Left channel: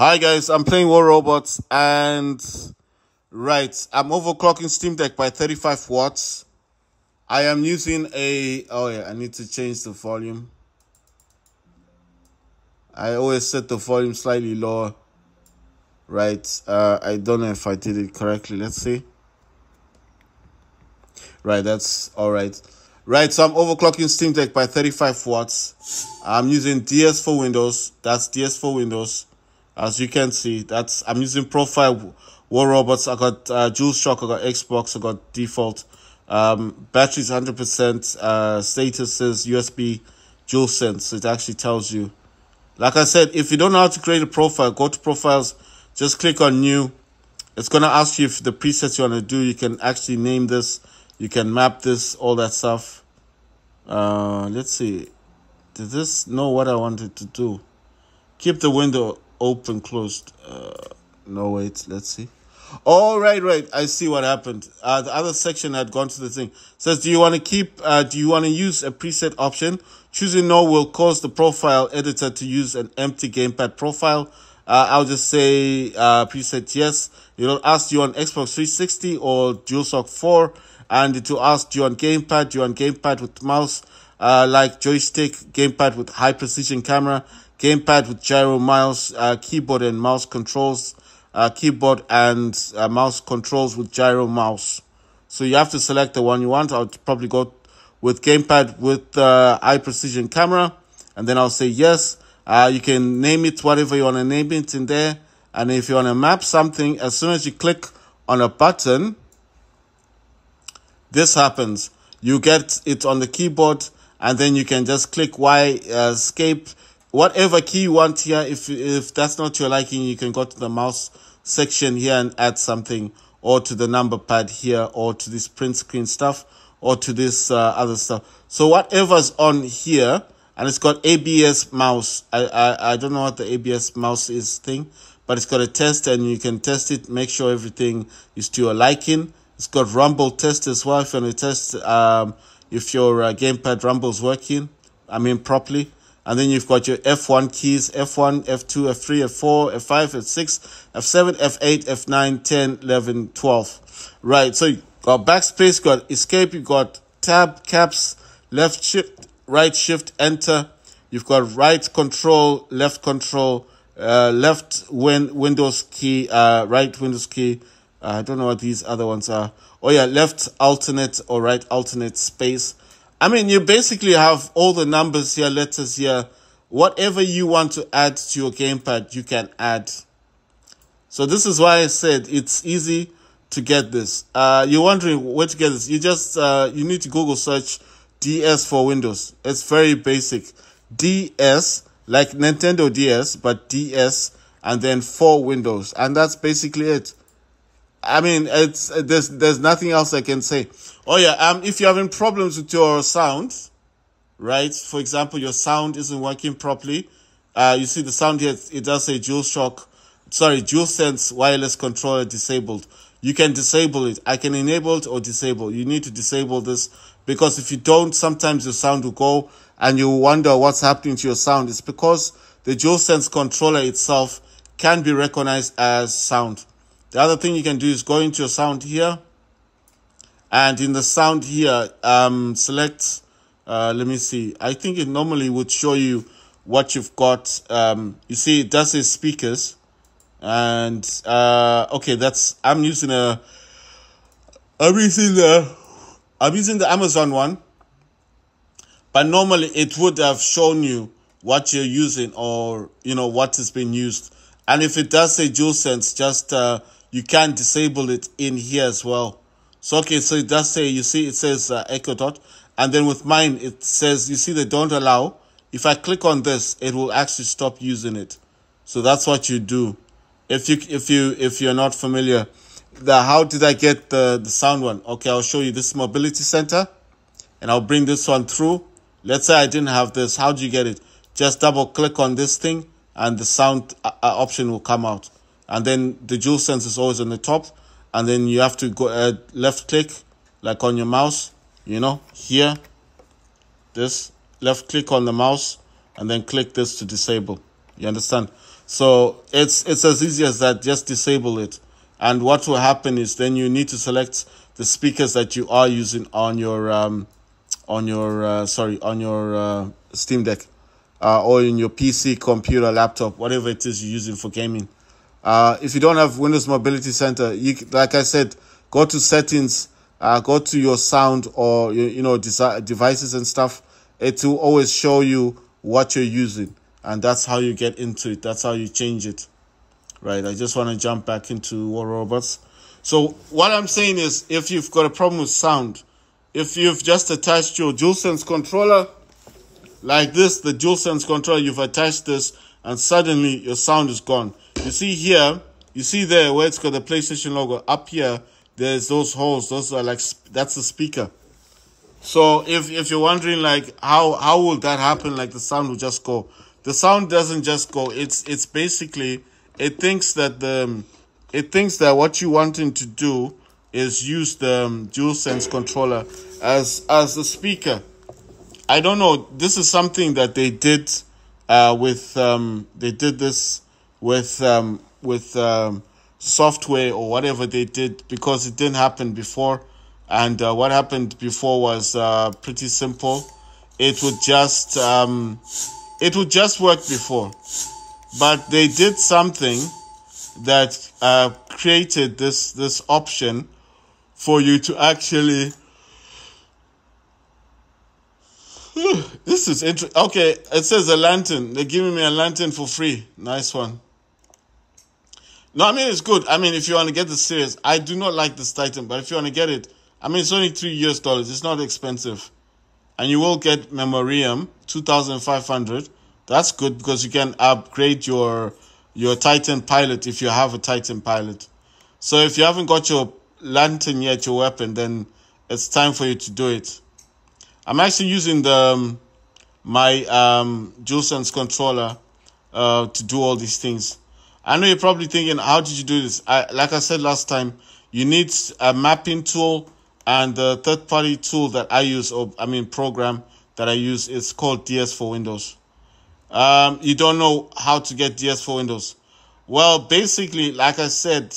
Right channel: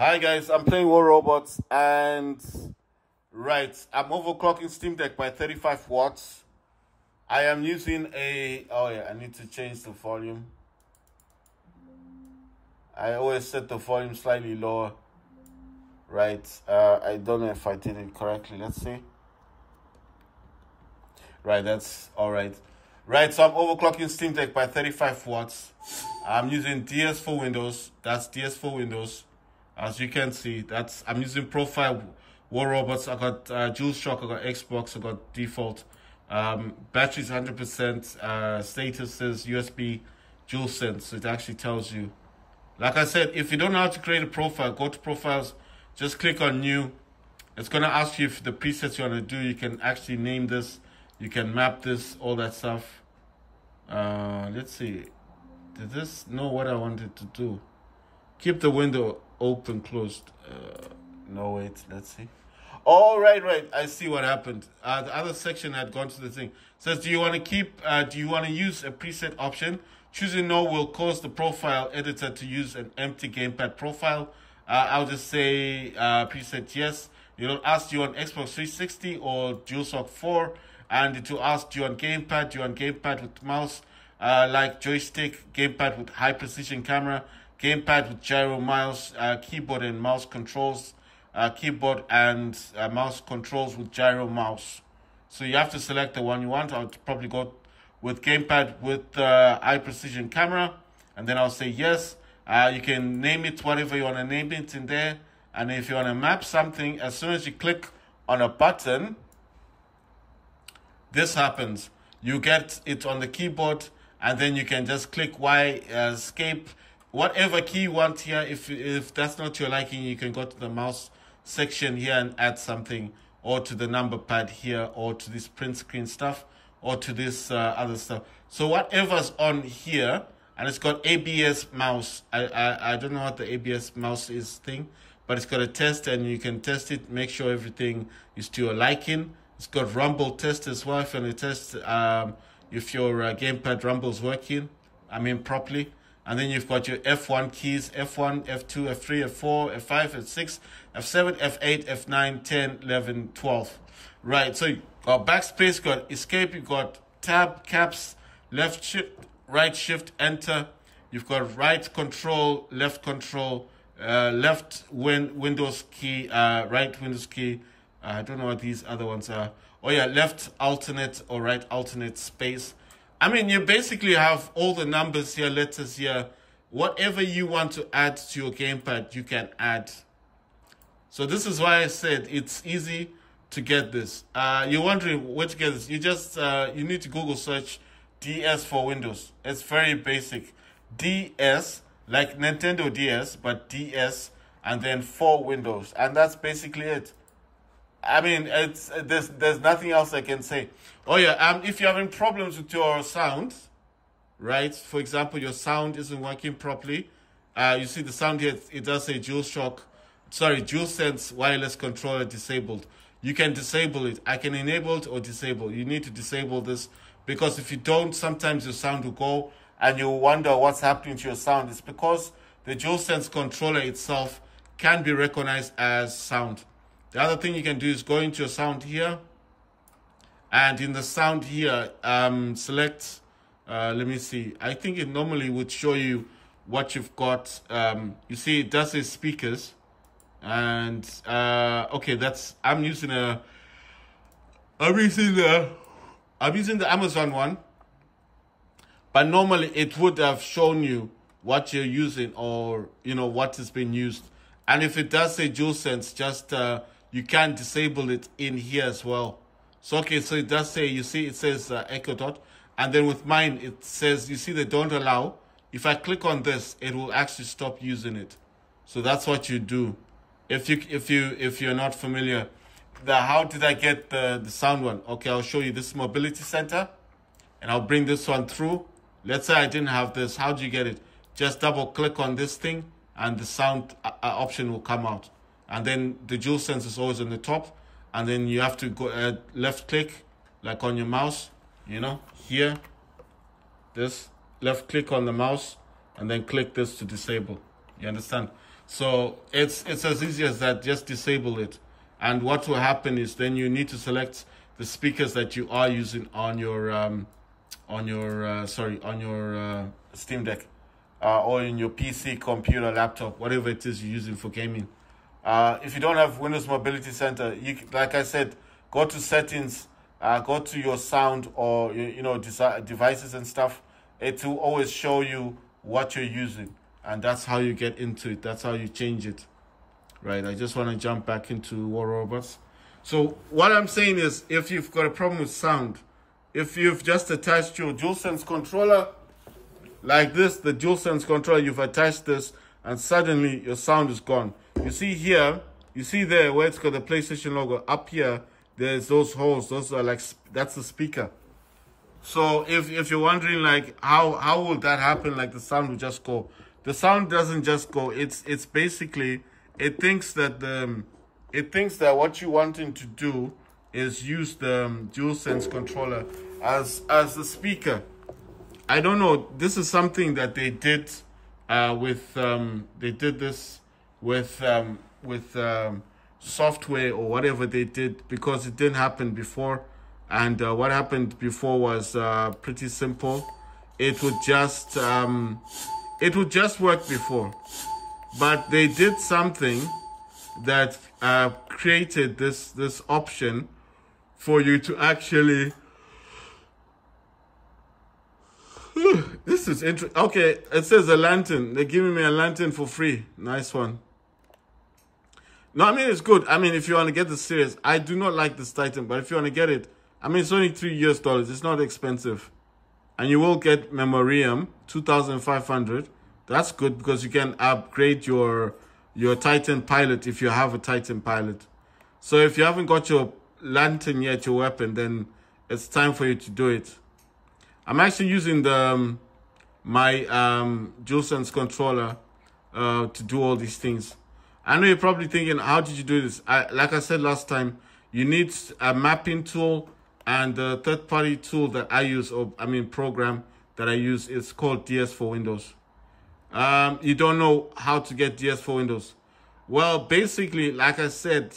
Hi guys, I'm playing War Robots and I'm overclocking Steam Deck by 35 watts. I am using I need to change the volume. I always set the volume slightly lower. I don't know if I did it correctly. Let's see. That's all right. So I'm overclocking Steam Deck by 35 watts. I'm using DS4 Windows. That's DS4 Windows. As you can see, I'm using Profile War Robots. I got DualShock, I got Xbox, I got default. Battery's 100%. Status is USB DualSense. It actually tells you. Like I said, if you don't know how to create a profile, go to Profiles, just click on New. It's going to ask you if the presets you want to do. You can actually name this. You can map this, all that stuff. Let's see. Did this know what I wanted to do? Keep the window open, closed. No, wait, let's see. Oh, right. I see what happened. The other section had gone to the thing. It says, do you want to use a preset option? Choosing no will cause the profile editor to use an empty gamepad profile. I'll just say preset yes. It'll ask you on Xbox 360 or DualShock 4. And it will ask you on gamepad with mouse, like joystick, gamepad with high precision camera, gamepad with gyro mouse, keyboard and mouse controls, keyboard and mouse controls with gyro mouse. So you have to select the one you want. I'll probably go with gamepad with high precision camera, and then I'll say yes. You can name it whatever you want to name it in there. And if you want to map something, as soon as you click on a button, this happens. You get it on the keyboard, and then you can just click Y, escape, whatever key you want here. If that's not your liking, you can go to the mouse section here and add something, or to the number pad here, or to this print screen stuff, or to this other stuff. So whatever's on here, and it's got ABS mouse. I don't know what the ABS mouse is thing, but it's got a test, and you can test it, make sure everything is to your liking. It's got rumble test as well if you want to test if your gamepad rumble is working, properly. And then you've got your F1 keys, F1, F2, F3, F4, F5, F6, F7, F8, F9, 10, 11, 12. Right, so you got backspace, you got escape, you got tab, caps, left shift, right shift, enter. You've got right control, left control, left Windows key, right Windows key. I don't know what these other ones are. Oh yeah, left alternate or right alternate space. You basically have all the numbers here, letters here. Whatever you want to add to your gamepad, you can add. So this is why I said it's easy to get this. You're wondering where to get this. You just, you need to Google search DS for Windows. It's very basic. DS, like Nintendo DS, but DS, and then for Windows. And that's basically it. There's nothing else I can say. Oh yeah, if you're having problems with your sound, right? For example, your sound isn't working properly. You see the sound here, it does say DualSense wireless controller disabled. You can disable it. I can enable it or disable. You need to disable this, because if you don't, sometimes your sound will go and you wonder what's happening to your sound. It's because the DualSense controller itself can be recognized as sound. The other thing you can do is go into your sound here, and in the sound here, select, let me see. I think it normally would show you what you've got. You see, it does say speakers, and okay, I'm using the Amazon one, but normally it would have shown you what you're using, or what has been used. And if it does say DualSense, just you can disable it in here as well. So, okay, so it does say, you see, it says echo dot. And then with mine, it says, you see the don't allow. If I click on this, it will actually stop using it. So that's what you do. If you're not familiar. How did I get the sound one? Okay, I'll show you. This mobility center, and I'll bring this one through. Let's say I didn't have this. How do you get it? Just double click on this thing, and the sound option will come out. And then the DualSense is always on the top. And then you have to go left click, like on your mouse, here. This, left click on the mouse, and then click this to disable. You understand? So it's as easy as that. Just disable it. And what will happen is then you need to select the speakers that you are using on your Steam Deck, or in your PC, computer, laptop, whatever it is you're using for gaming. If you don't have Windows Mobility Center, like I said, go to settings, go to your sound or devices and stuff. It will always show you what you're using, and that's how you get into it. That's how you change it. Right, I just want to jump back into War Robots. So what I'm saying is, if you've got a problem with sound, if you've just attached your DualSense controller like this, the DualSense controller, you've attached this, and suddenly your sound is gone. You see here, you see there where it's got the PlayStation logo. Up here, there's those holes. Those are like, that's the speaker. So if you're wondering like how will that happen, like the sound will just go. The sound doesn't just go. It's basically, it thinks that what you wanting to do is use the DualSense controller as the speaker. I don't know. This is something that they did they did this with software or whatever they did, because it didn't happen before. And what happened before was pretty simple. It would just work before, but they did something that created this option for you to actually. This is interesting. Okay, it says a lantern. They're giving me a lantern for free. Nice one. No, I mean, it's good. I mean, if you want to get the series, I do not like this Titan, but if you want to get it, I mean, it's only $3. It's not expensive. And you will get Memoriam, 2,500. That's good, because you can upgrade your Titan Pilot if you have a Titan Pilot. So if you haven't got your lantern yet, your weapon, then it's time for you to do it. I'm actually using my DualSense controller to do all these things. I know you're probably thinking, how did you do this? Like I said last time, you need a mapping tool, and the third-party tool that I use, program that I use, is called DS4 Windows. You don't know how to get DS4 Windows. Well, basically, like I said,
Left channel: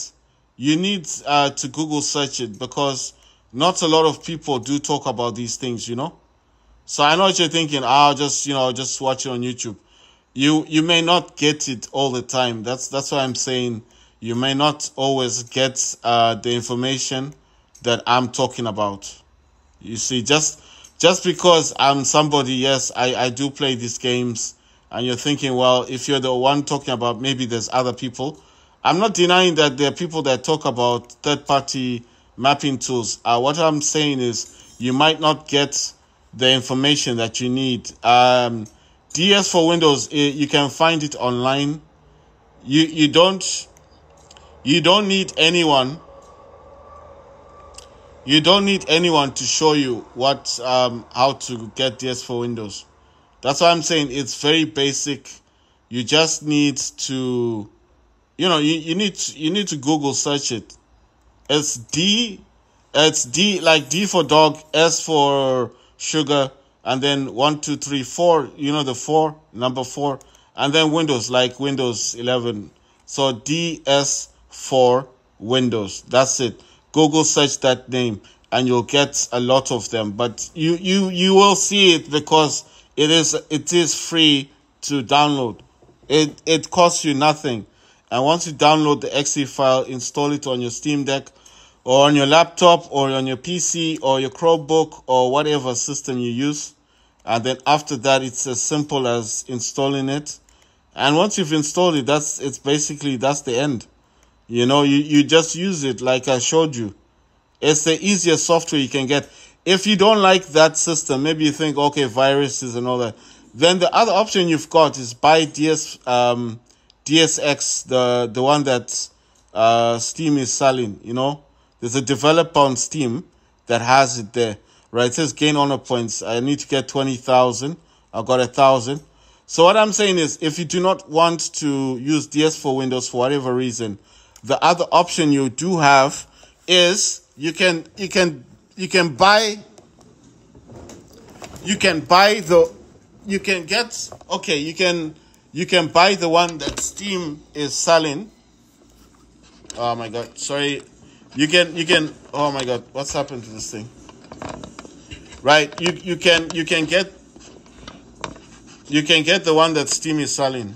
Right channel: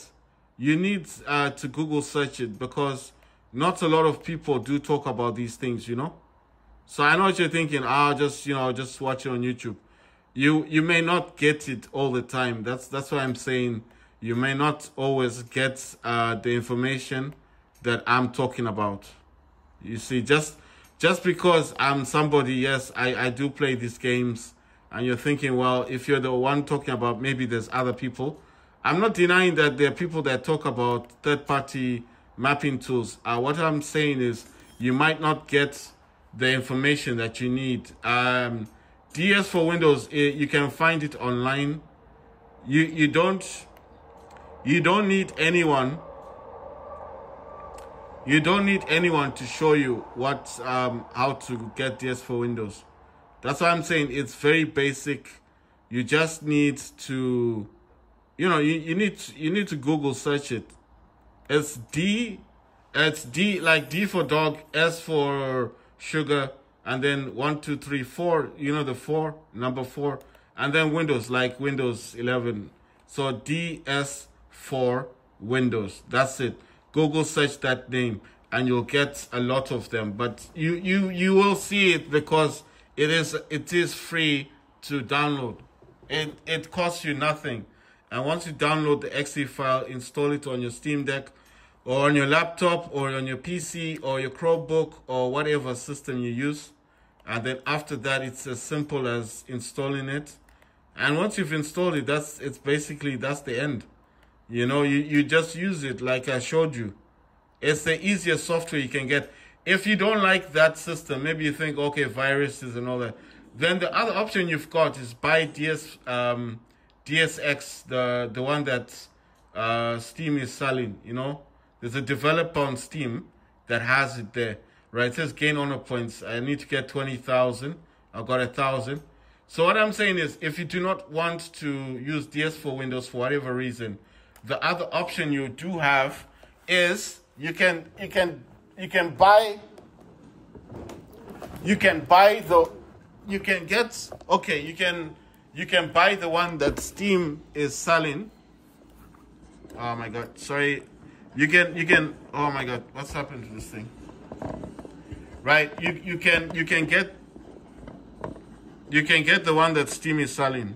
you need to Google search it, because not a lot of people do talk about these things, you know. So I know what you're thinking. Just watch it on YouTube. You may not get it all the time. That's why I'm saying you may not always get the information that I'm talking about. You see, just because I'm somebody, yes, I do play these games, and you're thinking, well, if you're the one talking about, maybe there's other people. I'm not denying that there are people that talk about third-party mapping tools. What I'm saying is you might not get the information that you need. DS4 Windows, you can find it online. You don't need anyone. You don't need anyone to show you how to get DS4 Windows. That's why I'm saying it's very basic. You just need to, you need to Google search it. It's D like D for dog, S for sugar, and then 1, 2, 3, 4. The 4, number 4, and then Windows, like Windows 11. So DS4 Windows. That's it. Google search that name, and you'll get a lot of them. But you will see it, because it is free to download. It costs you nothing. And once you download the exe file, install it on your Steam Deck, or on your laptop, or on your PC, or your Chromebook, or whatever system you use. And then after that, it's as simple as installing it. And once you've installed it, that's the end. You just use it like I showed you. It's the easiest software you can get. If you don't like that system, maybe you think, okay, viruses and all that, then the other option you've got is buy DSX, the one that Steam is selling. There's a developer on Steam that has it there, right? It says gain honor points. I need to get 20,000. I got 1,000. So what I'm saying is, if you do not want to use DS4 Windows for whatever reason, the other option you do have is you can You can buy the one that Steam is selling. Oh my god, sorry. You can oh my god, what's happened to this thing? Right, you can get the one that Steam is selling.